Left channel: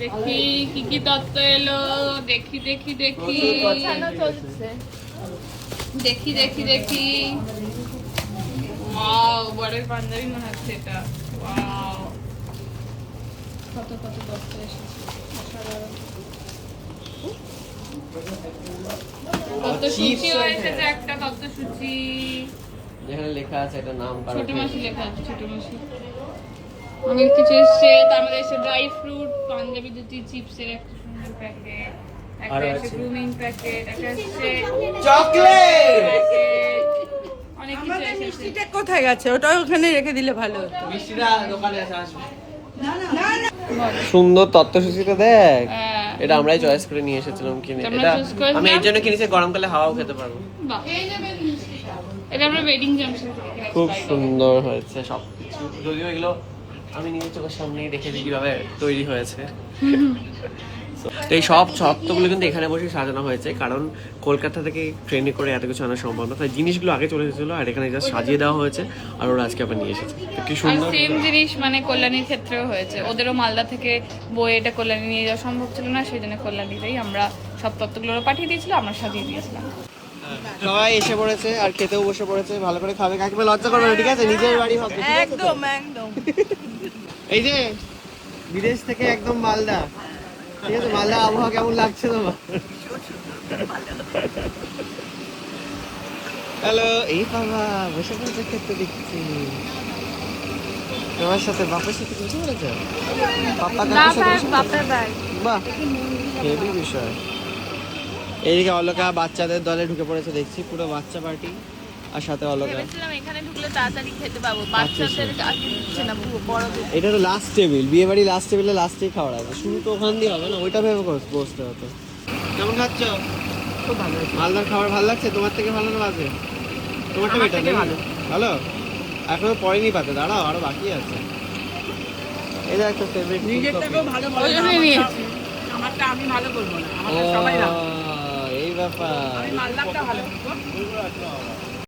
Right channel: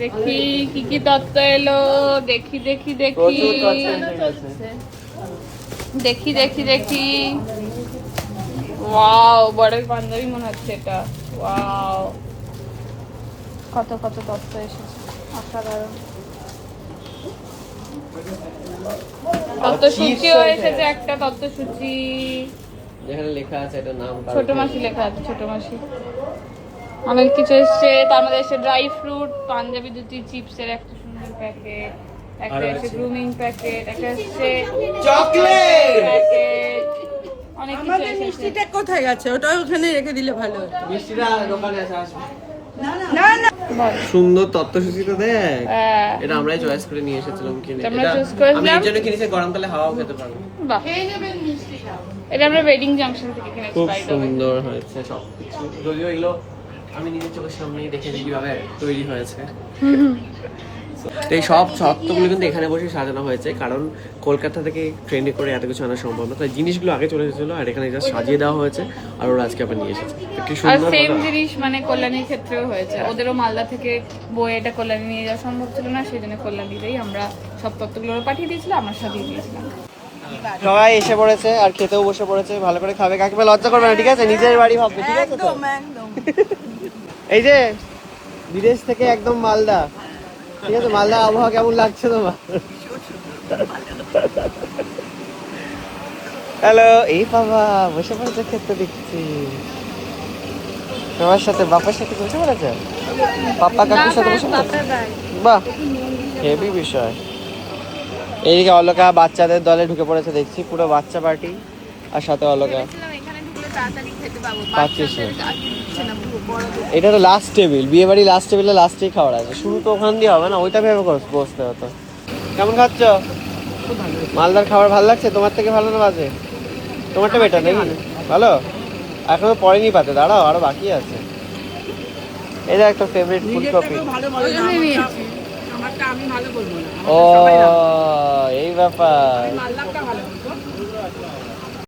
দেখি কি কি তত্ত্ব এলো, দেখি দেখি দেখি দেখি দেখি দেখি। ওয়াও, বড়ই পাঞ্জাবি মনে হচ্ছে এটা। ওয়াও, কত কত তত্ত্ব এসেছে, অসাধারণ। তত্ত্বসূচিও এসেছে, একটা তত্ত্বসূচি যেখানে লেখা আছে এটা নাম, ছোট মাসি লেখা আছে, ছোট মাসি। অনেক কিছু এসছে। তার মধ্যে এসে ড্রাই ফ্রুট, পাঞ্জাবি দুটি, চিপসের একটা সুন্দর প্যাকেট, একটা এসে গ্রুমিং প্যাকেট, একটা এসছে চকলেট প্যাকেট, অনেক কিছু এসেছে। মিষ্টিটা কোথায় গেছে? ওটা ওখানে রেখে দিলে ভালো হতো। মিষ্টিটা দোকানে আছে, আসবে। না না, সুন্দর তত্ত্বসূচিটা দেখ, হ্যাঁ। এটা আমরাই চয়েস করে নিয়ে এসেছিলাম কিনে। আমরা এটা choose করেছিলাম। আমি এই জন্য কিনেছি, গরমকালে হাওয়াও খেতে পারবো। বাহ, এটা আমরা ওয়েডিং জাংশন থেকে কিনেছি। খুব সুন্দর হয়েছে সবকিছু, যদিও এগুলো আমি নিজের চোখের সামনেই দেখেছি কিভাবে তৈরি হয়েছে। তো এই সব সপ্তগুলো কিন্তু এখানে বসে সাজানো হয়েছে, কারণ কলকাতা থেকে ট্রেনে করে এত কিছু আনা সম্ভব না, তাই জিনিসগুলো আগে চলে এসেছিল আর এখানে জাস্ট সাজিয়ে দেওয়া হয়েছে, আর ওরা আজকে আবার নিয়ে এসেছে। তো কি আর সুন্দর সেম জিনিস মানে কল্যাণীর ক্ষেত্রেও হয়েছে, ওদেরও মালদা থেকে বই এটা কল্যাণী নিয়ে যাওয়া সম্ভব ছিল না, সেই জন্য কল্যাণীতেই আমরা সব তত্ত্বগুলো পাঠিয়ে দিয়েছিলাম, আমরা সাজিয়ে দিয়েছিলাম। সবাই এসে পড়েছে আর খেতেও বসে পড়েছে, ভালো করে খাবে, কাকিমা লজ্জা করবে না, ঠিক আছে? নিজের বাড়ি ভাবছে, ঠিক আছে তো? একদম একদম। এই যে বিদেশ থেকে একদম মালদা, ঠিক আছে? মালদা আবহাওয়া কেমন লাগছে তোমার? হ্যালো, এই বাবা বসে পড়েছে খেতে দেখছি। তোমার সাথে বাবার সাথে বসে পড়েছে, পাপা কাকুর সাথে বসে পড়েছে? বাহ, হেভি বিষয়। এইদিকে অলকা বাচ্চাদের দলে ঢুকে পড়েছে দেখছি, পুরো বাচ্চা পার্টি, আর সাথে অলকা। এখানে ঢুকলে তাড়াতাড়ি খেতে পাবো, পাচ্ছিস না। আগে দিচ্ছে না, বড় এটা তো লাস্ট টেবিল, বিয়ে বাড়ি লাস্ট টেবিলে লাস্টেই খাওয়ার আছে, শুরু তো ওখান দিয়ে হবে না, ওইটা ভেবে বসতে হতো। কেমন খাচ্ছ? মালদার খাবার ভালো লাগছে? তোমার থেকে ভালো না বাজে? তোমারটা বেটার নাকি? ভালো? এখনো পড়েনি পাতে, দাঁড়াও আরো বাকি আছে। এটা একটা ফেভারিট ফুলকপি। আমারটা আমি ভালো বলবো না, ও এই ব্যাপার। মালদা